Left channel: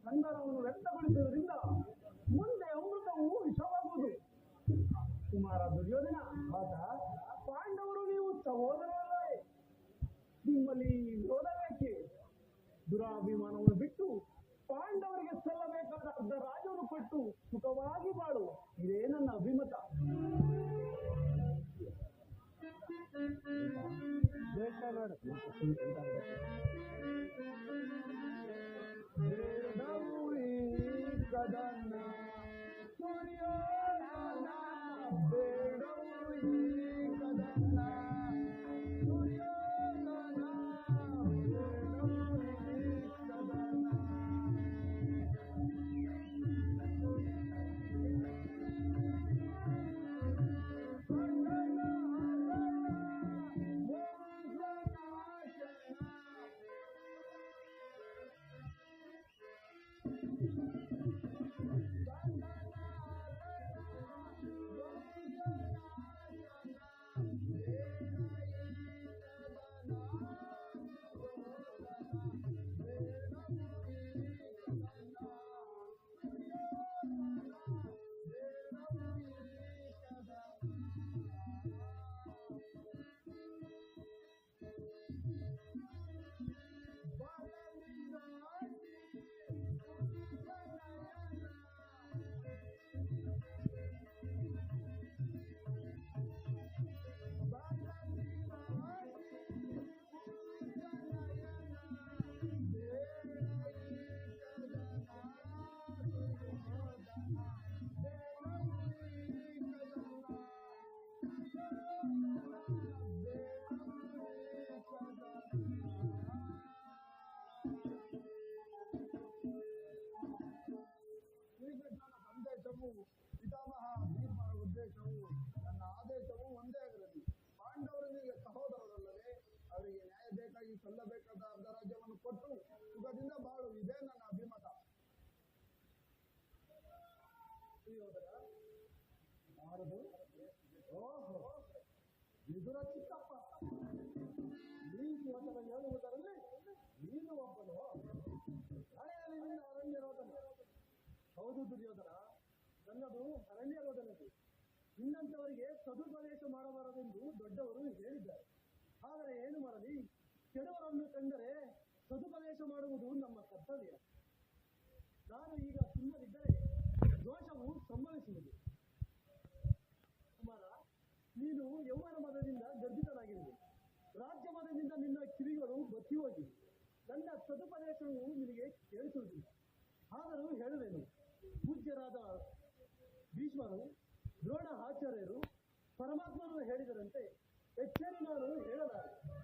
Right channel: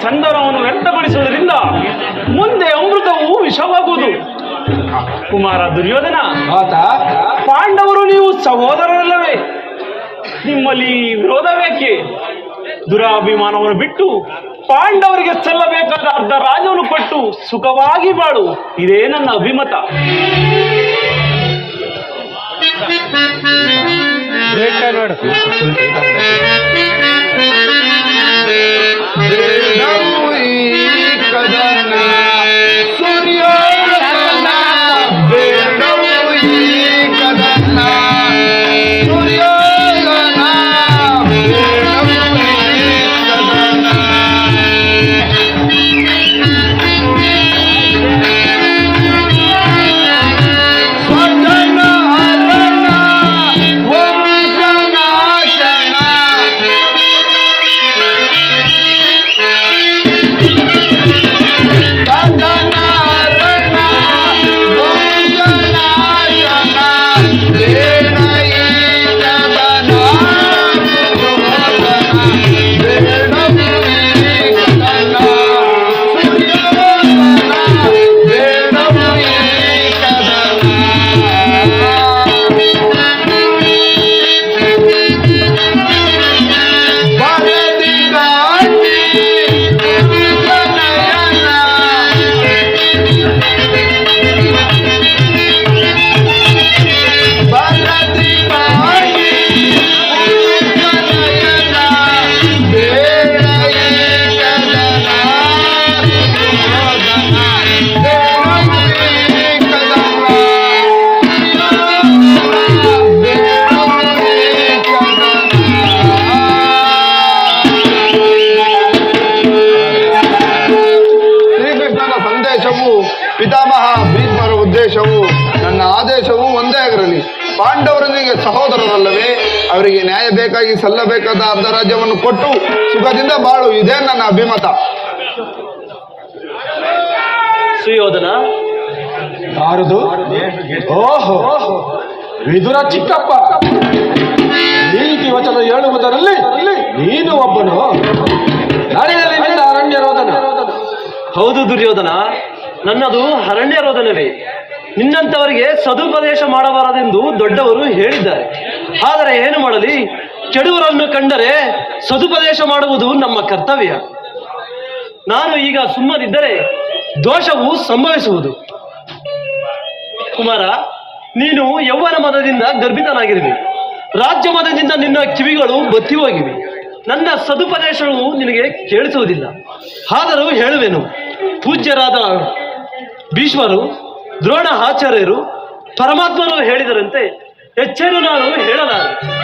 ಸಂದರ್ಭವನ್ನು ವ್ಯಕ್ತಪಡಿಸುವುದರಿಂದ ಮುಂದೆ ಅಮೃತವು ವಿಷವಾಗುವುದು. ಕುಮಾರ ದುರ್ಯೋಧನ ಆತ ಪಾಂಡವರು ನೀವು ಸಹೋದರರಲ್ಲವೇ? ನಿಮ್ಮಲ್ಲಿ ವಿರೋಧ ಬೇಕೆ? ದುರಾಭಿಮಾನವನ್ನು ಬಿಟ್ಟು ಪಾಂಡವರಿಗೆ ಸಲ್ಲಬೇಕಾದ ಅರ್ಧ ರಾಜವನ್ನು ಕೊಟ್ಟು ಸುಖವಾಗಿ ಬಾಳು. ಇದೇ ನನ್ನ ಅಭಿಮತ. ನೋಡು. ಪಿತಾಮಹ ಭೀಷ್ಮರ ಉದ್ದೇಶವು, ನನ್ನ ಆದೇಶವು ಒಂದೇ ಆಗಿರಲಿ. ಪಾಂಡವರೊಂದಿಗೆ ಸಹೋದರರಲ್ಲವೇ, ಅವರಿಗೆ ನ್ಯಾಯ ಬೇಕಾಗಿ ಸಲ್ಲಬೇಕಾದ ಅರ್ಧ ಕೊಟ್ಟು ಸುಖದಿಂದ ಬಾಳು. ಇದೇ ನನ್ನ ಅಭಿಮತ. ಸುಯೋಧನ? ಯಾರದು? ಓಹೋ ವಿದುರ ಚಿಕ್ಕಪ್ಪ. ನೀತಿ ವಚನ ಹೇಳುವುದರಲ್ಲಿ ನೀನು ಒಬ್ಬನು. ಅರಣ್ಯ ರೋದನ ಹೌದು ದುರ್ಯೋಧನ ನನ್ನದು ಅರಣ್ಯ ರೋದನವೇ ನಿನ್ನಂತವರಿಗೆ ಸದುಪದೇಶ ಮಾಡಬಾರದೆಂದು ದೊಡ್ಡವರು ಹೇಳಿದ್ದಾರೆ. ಆದರೆ ಏನು ಮಾಡಲಿ? ಕೆಡುವರನ್ನು ಕಂಡರೆ ಸದುಪದೇಶ ಮಾಡುವುದು ನಮ್ಮ ಕರ್ತವ್ಯ. ನಾನು ಈಗ ಸುಮ್ಮನಿದ್ದರೆ ದೋಷವು ಸಂಭವಿಸುವುದು. ಕುಮಾರ, ನೀನು ಯೌವನ ಮದದಿಂದ ಗರ್ಭಿತನಾಗಿರುವೆ. ರಾಜ್ಯ ಮದದಿಂದ ನಿನ್ನ ಕಿವಿಗಳು ಬತ್ತಿ ಹೋಗಿವೆ. ನನ್ನ ಸದುಪದೇಶವು ನಿನಗೆ ಕೇಳಿಸುವುದಿಲ್ಲ. ಆದರೂ ಹೇಳುವೆನು, ಪೂಜ್ಯರಾದ ಭೀಷ್ಮರು, ದ್ರೋಣ ಆಚಾರ್ಯರು ಪರಮಾತ್ಮರು ಹೇಳಿದರಂತೆ ಹೆಚ್ಚೇನು ನಾನು ಹೇಳಲಾರೆ.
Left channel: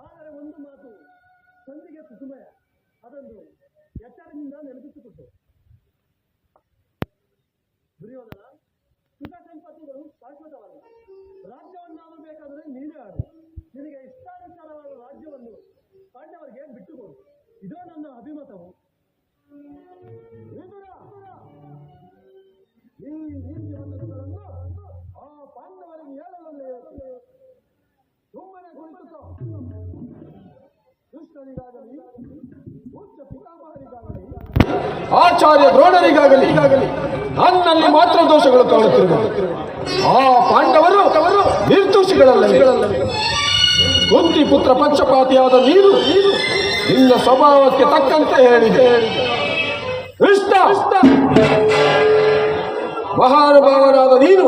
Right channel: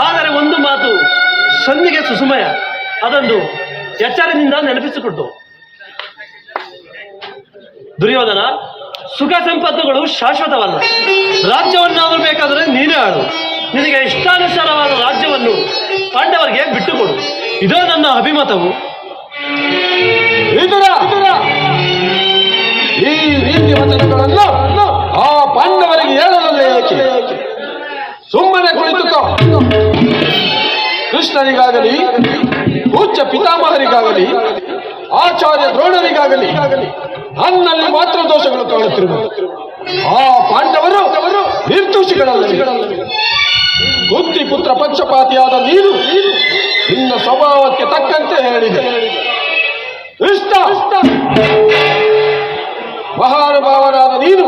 ಆದರೆ ಒಂದು ಮಾತು ಸಂಧಿಗೆ ಸುಸುಮಯ ಅದೊಂದು ಎಚ್ಚರದಿಂದ ನೆನಪಿಸಿಕೊಟ್ಟು ದುರ್ಯೋಧನ, ಸುಖ ಸಂಪತ್ತುಗಳು ಶಾಶ್ವತವಲ್ಲ. ರಾಜ್ಯವನ್ನಾದರೂ ಬೇಕಾದರೆ ನೀನೇ ಆಡು ನಿನಗೆ ಇಷ್ಟಾನುಸಾರವಾದ ರಾಜ್ಯವನ್ನು ಪಾಂಡವರಿಗೆ ಬಿಟ್ಟುಕೊಡು. ಇದೇ ನನ್ನ ಅಭಿಮತವು. ಈ ರೀತಿ ವಚನಗಳನ್ನು ಆ ಪಾಂಡವರಿಗೆ ಹೇಳಲಲ್ಲ ಏಕೆ? ಸುಮ್ಮನೆ ಕುಳಿತುಕೋ ಕೃಷ್ಣನಿಗಾಗಲಿ ಉಚ್ಚ ಪಿತಾಮಹರಿಗಾಗಲಿ, ಆಚಾರ್ಯ ದ್ರೋಣರಿಗಾಗಲಿ ನನ್ನಲ್ಲಿ ಮಾತ್ರ ದೋಷಗಳು ಕಾಣುತ್ತಿರುವ ಆ ಪಾಂಡವರು ನಿರ್ದೋಷಿಗಳಲ್ಲಿ ಬುದ್ಧಿ ಪುತ್ರ ಪಂಚಪಾತಿಯಾದ ನೀನು ನಿನ್ನ ಸ್ವಭಾವಕ್ಕೆ ತಕ್ಕಂತೆ ಹೇಳಿದೆ. ಇಷ್ಟ ಮಹಾನುಭಾವನಾದ ನೀನು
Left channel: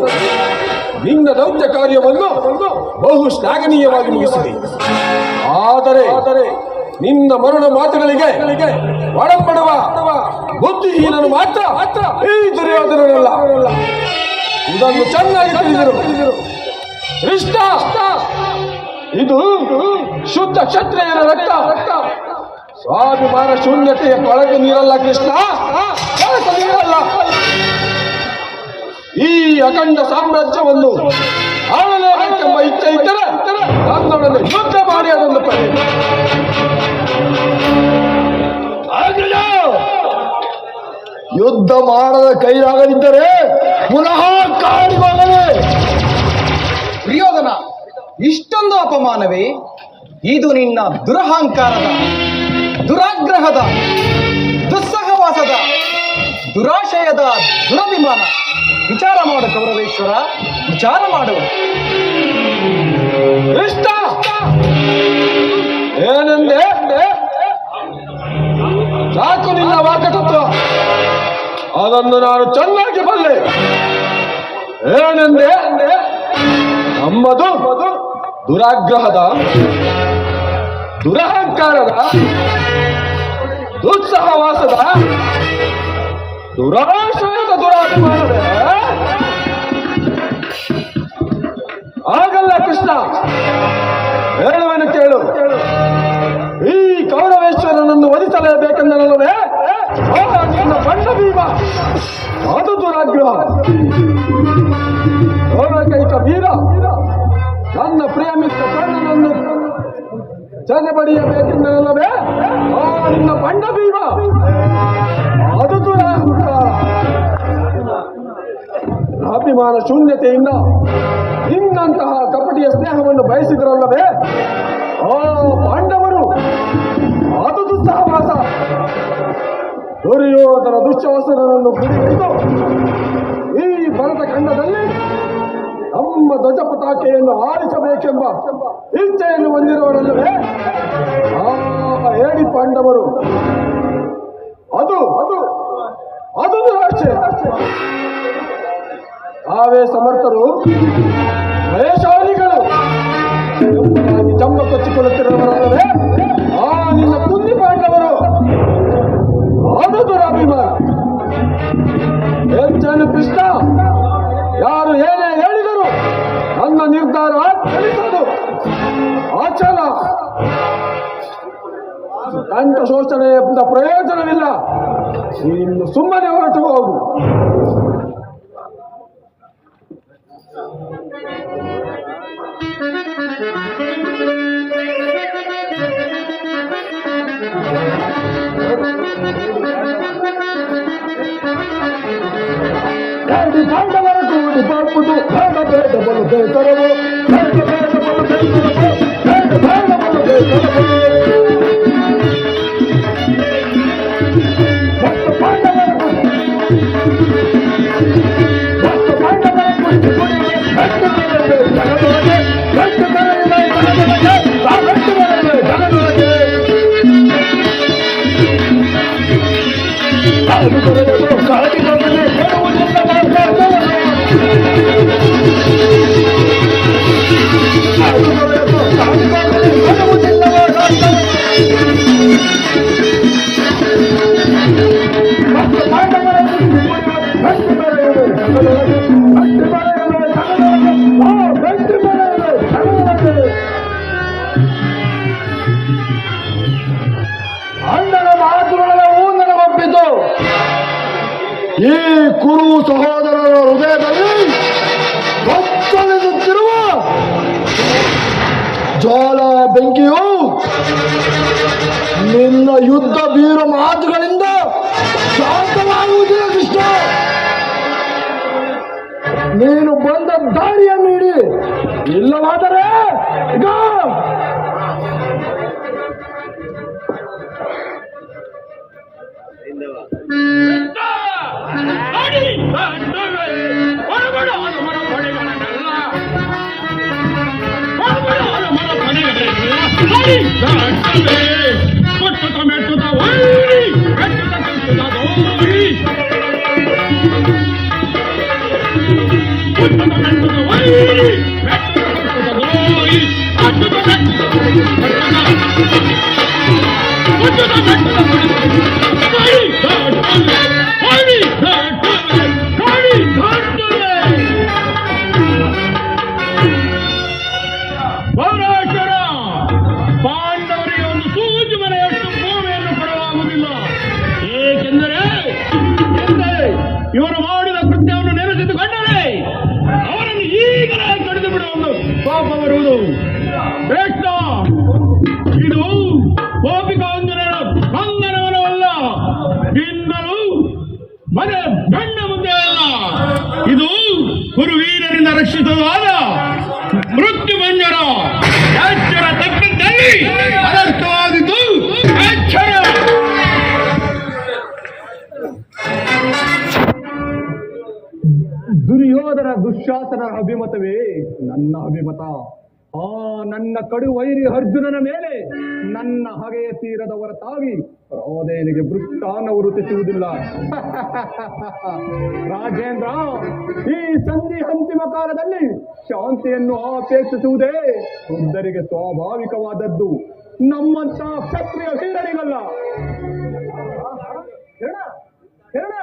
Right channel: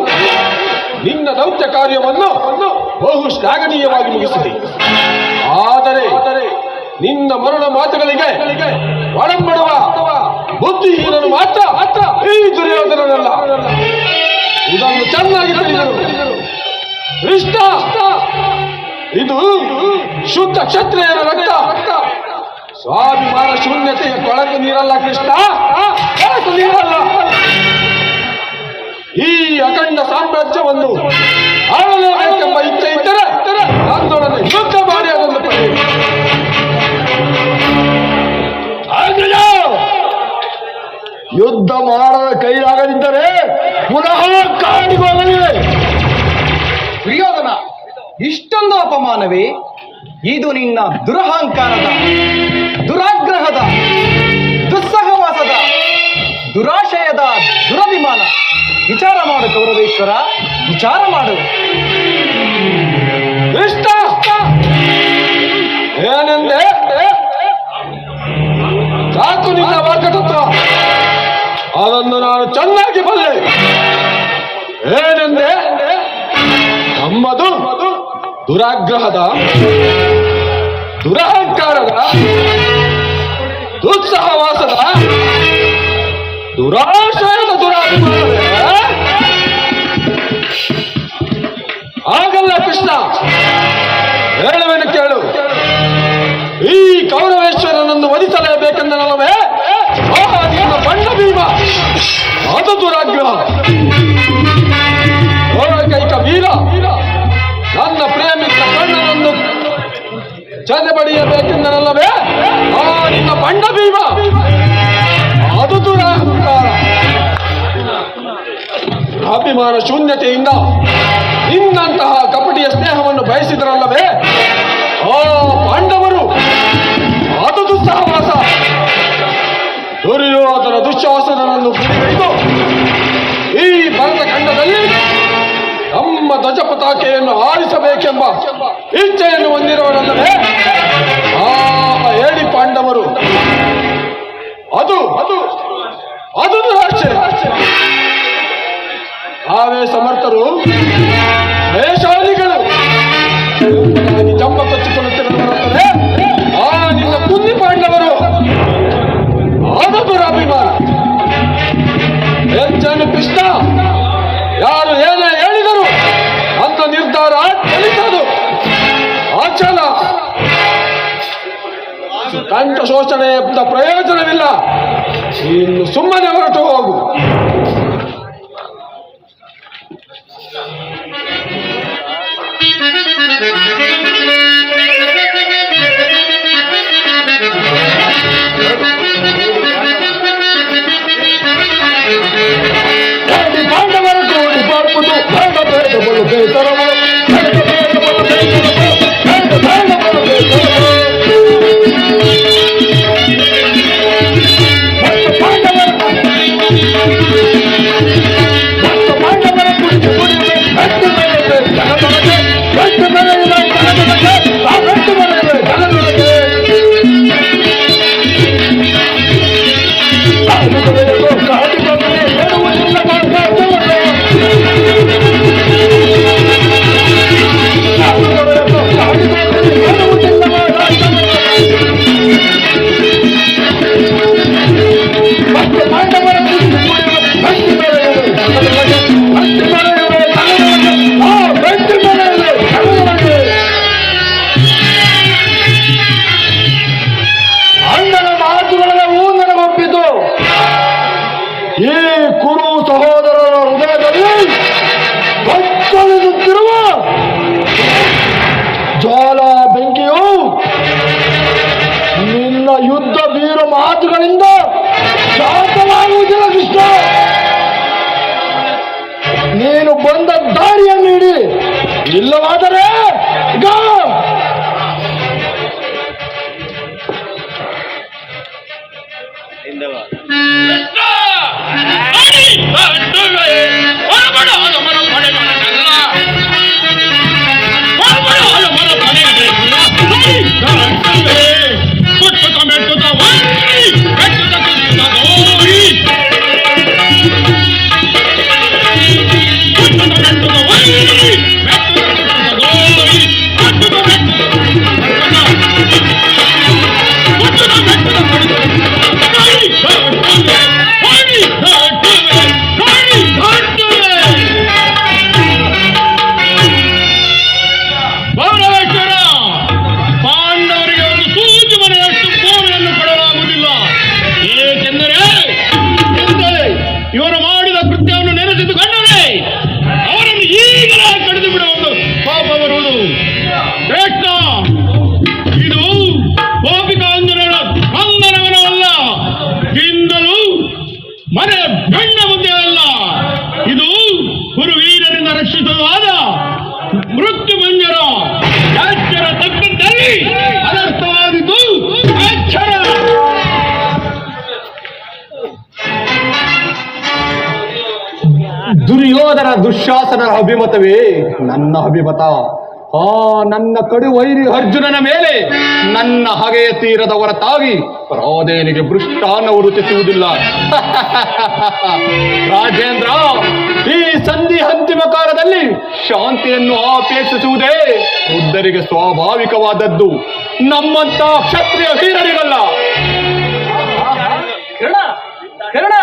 ನಿನ್ನ ದೌತ್ಯ ಕಾರ್ಯವನ್ನು ಬಹು ಶ್ಲಾಘನೀಯವಾಗಿ ಮುಗಿಸಿದೆ. ಆದರೆ ನಿನ್ನ ಮರಣ ಮಾತುಗಳಿಗೆ ಒಳಪಡುವ ಬುದ್ಧಿಹೀನನು ಮಾತ್ರ ಈ ದುರ್ಯೋಧನನಲ್ಲ ಇದನ್ನು ಚೆನ್ನಾಗಿ ತಿಳಿದಿರು. ಇಷ್ಟ. ಇದು ಶುದ್ಧ ಕ್ಷತ್ರಿಯನ ರಕ್ತ. ಸ್ವಾಭಿಮಾನ ಶೂನ್ಯತೆಯ ಕೊಳಕು ನೀರಲ್ಲ ಕೃಷ್ಣ. ಈ ಅಖಂಡ ಸಾಮ್ರಾಜ್ಯವನ್ನು ಆಳಲೇಬೇಕೆಂಬ ಇಚ್ಛೆ ಇದ್ದರೆ ಯುದ್ಧ ಮಾಡಿ ಅದನ್ನು ಯುದ್ಧ ಮಾಡದ ಕೈಲಾಗದಿದ್ದರೆ ಪುನಃ ಕಾಡಿಗೆ ಇಷ್ಟೊಂದು ಅಪಮಾನವೇ? ಇದು ನಿನ್ನ ದುರಹಂಕಾರದ, ದುರಾಗ್ರಹದ, ದುಸ್ಸಹವಾಸದ, ದುರಾಶಯದ ದುರಭಿಮಾನ. ವಿಚಾರ ಮಾಡು ಕೌರವೇಶ್ವರ, ವಿಚಾರ ಮಾಡು. ಏನೆಂದೆ? ನಮ್ಮದು ದುರಾಗ್ರಹದ ದುರಹಂಕಾರದ ದುಸ್ಸಹವಾಸದ ದುರಾಶ್ರಯದ ದುರಾಭಿಮಾನವೇ? ಚೆನ್ನ ಪಡೆಯಬೇಕೆಂದನಲ್ಲವೇ ಆ, ನಿನ್ನ ಬಂಡ ಭೀಮ ಅದು ದುರಹಂಕಾರ ಅಭಿಮಾನ ಶೂನ್ಯತೆಯಿಂದ ನಿನ್ನಂತಹ ಕಪಟಿಯ ಸ್ನೇಹವನ್ನು ಬಯಸಿದರಲ್ಲವೇ? ಆ, ಪಾಂಡವರು, ಅದು ದುಸ್ಸಾಹವಾಸ. ದುರ್ಯೋಧನ ದುಶ್ವಾಸನನ್ನು ಬಿಡಿಗೈದು ಈ ಭರತ ಖಂಡದಲ್ಲಿ ನಮ್ಮ ಧ್ವಜ ಪತಾಕೆಯನ್ನು ಆರಿಸಬೇಕೆಂಬ ಇಚ್ಛೆಯನ್ನು ಹೊಂದಿರುವನಲ್ಲವೇ ಆ, ಹೇಳಿ ಪಾಂಡವರು. ಅದು ಅದು ಅದು ಆಚೆ. ಆವೇ ಸಮರ್ಥರು ವೇಷಾದಿಗಳು ಜಮ್ಮ ಜಂಬ ಆ, ನಿನ್ನ ಕುಂದಿ ಪಾಂಡವರು. ಅದು ದುರಾಭಿಮಾನ ಹೆಚ್ಚನು ಕೃಷ್ಣ ಕಂಠ ಶೋಷಣೆಯಿಂದ ಪ್ರಯೋಜನವಿಲ್ಲ. ಇನ್ನು ಸುಮ್ಮನೆ ಹೊರಟು ಹೋಗು. ಬೇಡ ಬೇಡ ಬೇಸರವು. ಬೇಡ ಬೇಡ ಬೇಡ ಬೇಡ ದುಶ್ಯಾಸನರ ಅಭಿಮತವೇ ನನ್ನ ಅಭಿಮತ ಆ, ನನ್ನ ಕಡು ವೈರಿ ಅರ್ಜುನನ ಮೇಲೆ ನನ್ನ ಹಗೆಯ ತೀರದ ಹೊರತಾಗಿ ರಾಧೇನಿಗೆ ಭೃಷ್ಟಾನವು ರುಚಿಸುವುದಿಲ್ಲ. ರಾಜೇಂದ್ರ, ಈ ಸಂಧಿ ಅಂತಿಮ ಕಾಲದಲ್ಲಿ ಶಾಂತಿಯನ್ನು ಅಪೇಕ್ಷಿಸುವುದೇ ಬುದ್ಧರಿಗೆ ಸ್ವಾಭಾವಿಕವಾದದ್ದು. ನಮ್ಮಂತ ಕ್ಷತ್ರಿಯ ವೀರರಿಗಲ್ಲ. ಕರ್ಣ,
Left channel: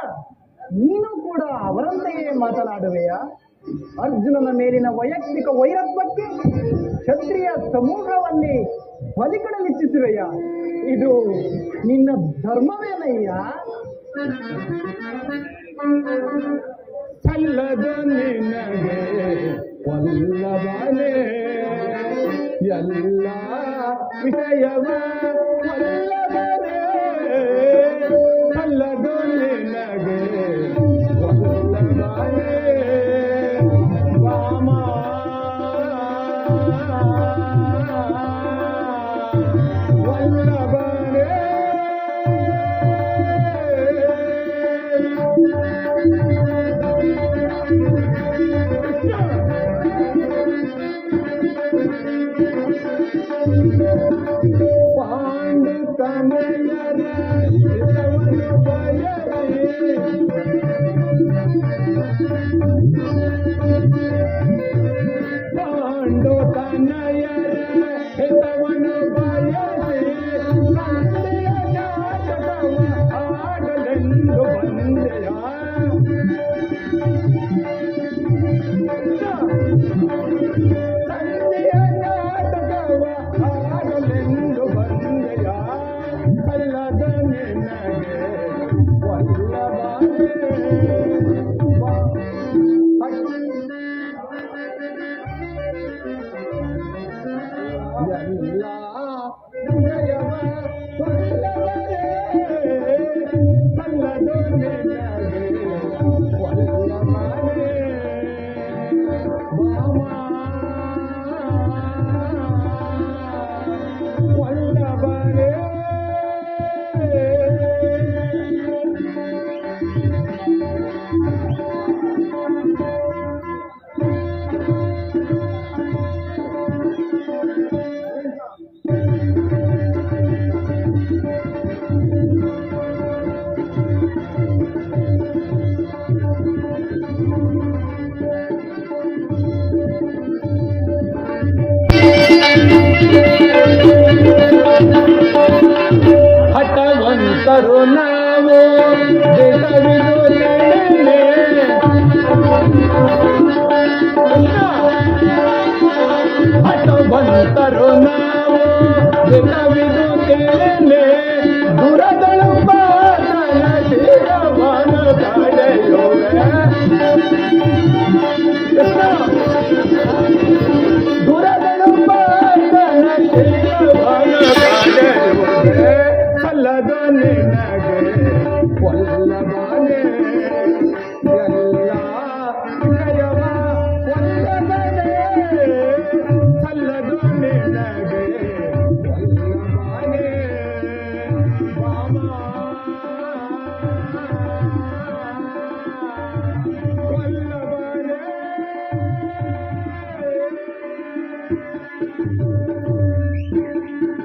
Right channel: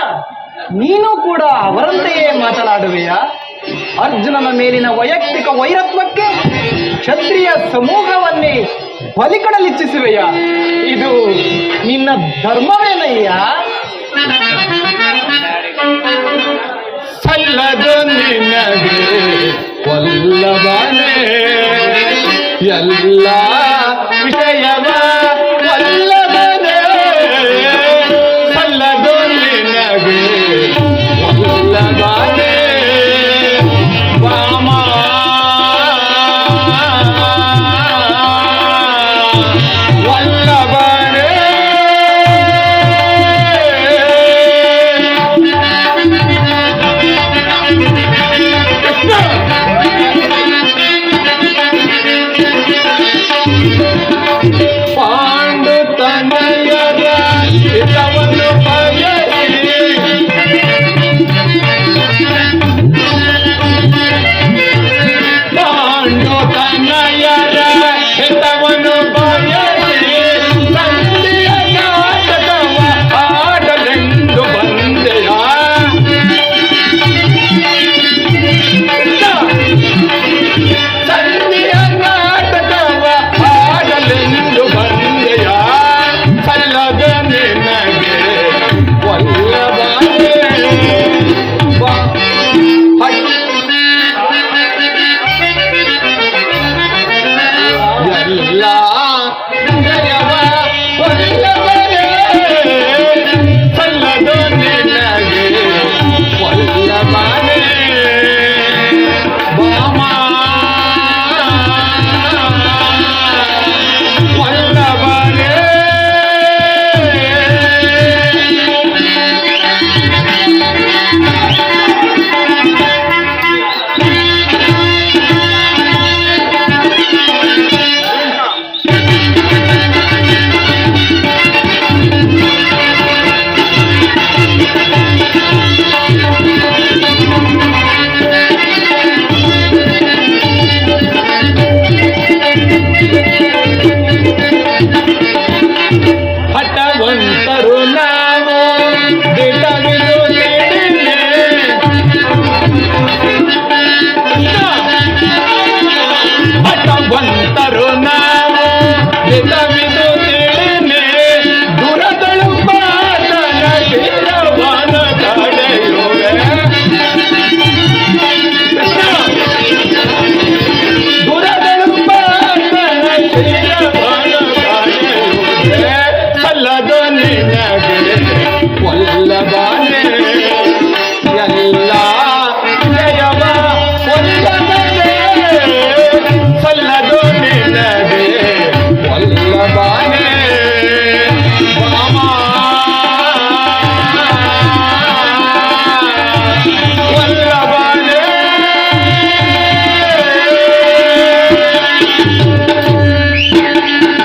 ನೀನು ಕೂಡ ಅವರಂತೆಯೇ ಮಾತನಾಡುವೆಯಾ? ಅರ್ಜುನನ ಮೇಲಿನ ವೈಯಕ್ತಿಕ ವೈರತ್ವಕ್ಕೆ ಕ್ಷತ್ರಿಯ ಸಮೂಹವನ್ನೇ ಬಲಿಕಡಲಿಚ್ಚಿಸುವೆಯ ಇದು ನಿನ್ನ ಧರ್ಮವೇನಯ್ಯ? ಸಲ್ಲದ ನಿನಗೆ ಎಲ್ಲ ವಿಷಯವ